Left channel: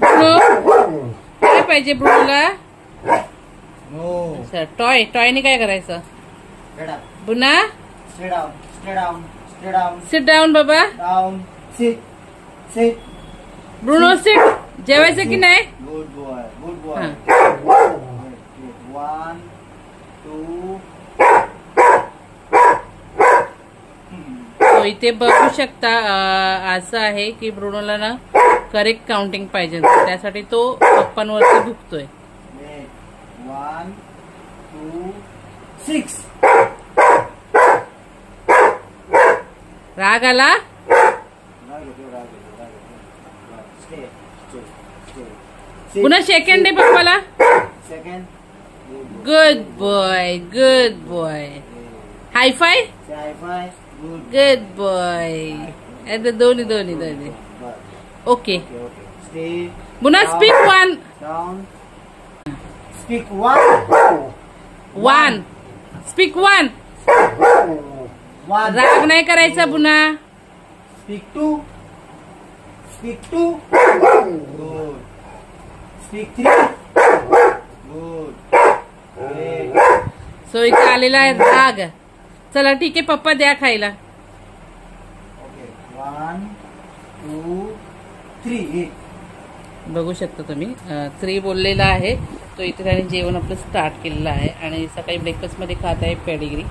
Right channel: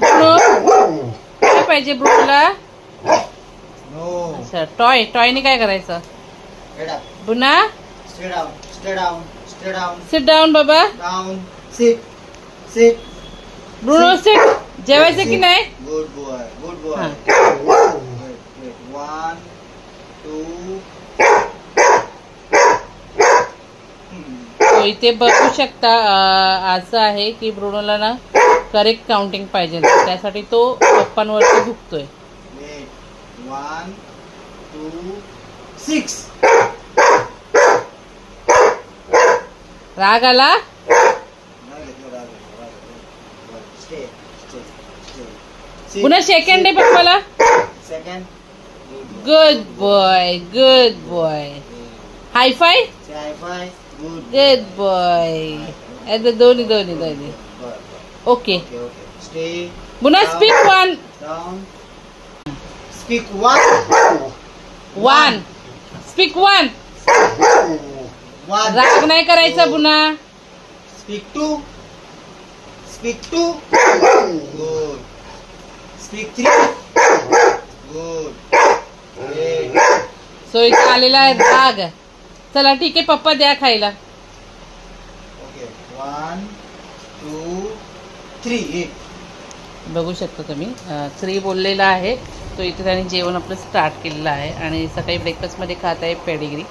Bruno काय पाहिजे ब्रुनोला? No. अच्छा टॉयने काय करायचं? Get up. बुना Stay down. Stay down. Stay down. Sit down बाबा. Down. Sit. Sit. Bruno sit. जेवायचं की नाही? Good boy. Good boy. हाँ. Wait. 1, 2. तो इथे बघू शकता असं आहे की ब्रुनोला ना करेक्ट काउंटिंग पाहिजे, त्यासाठी तो पप्पांवरती भुकतोय. 1, 2, 6. राग आला? पुन्हा सेकंड डे पप्पाला. Second. Good boy good boy. High five. High five. Good. Good boy. दोन्ही. ओके. Okay. Stay. पुन्हा down. Speak one. Down. Speak 1. One. Speak one. 1. राग नाही करायचा पुन्हा. Speak 2. Speak 2. Good. Speak 3. Good. Great. So इथे आलेला आहे राग. चला ठीक आहे पप्पा द्या खायला. Okay. 1, 2, 3. बघू शकता तुम्ही 3 बोललेला आहे. तो इथे त्याने जेवण आपलं स्टार्ट केलेलं आहे आणि सकाळी ब्रेकफास्टमध्ये खात आहे पेडिग्री.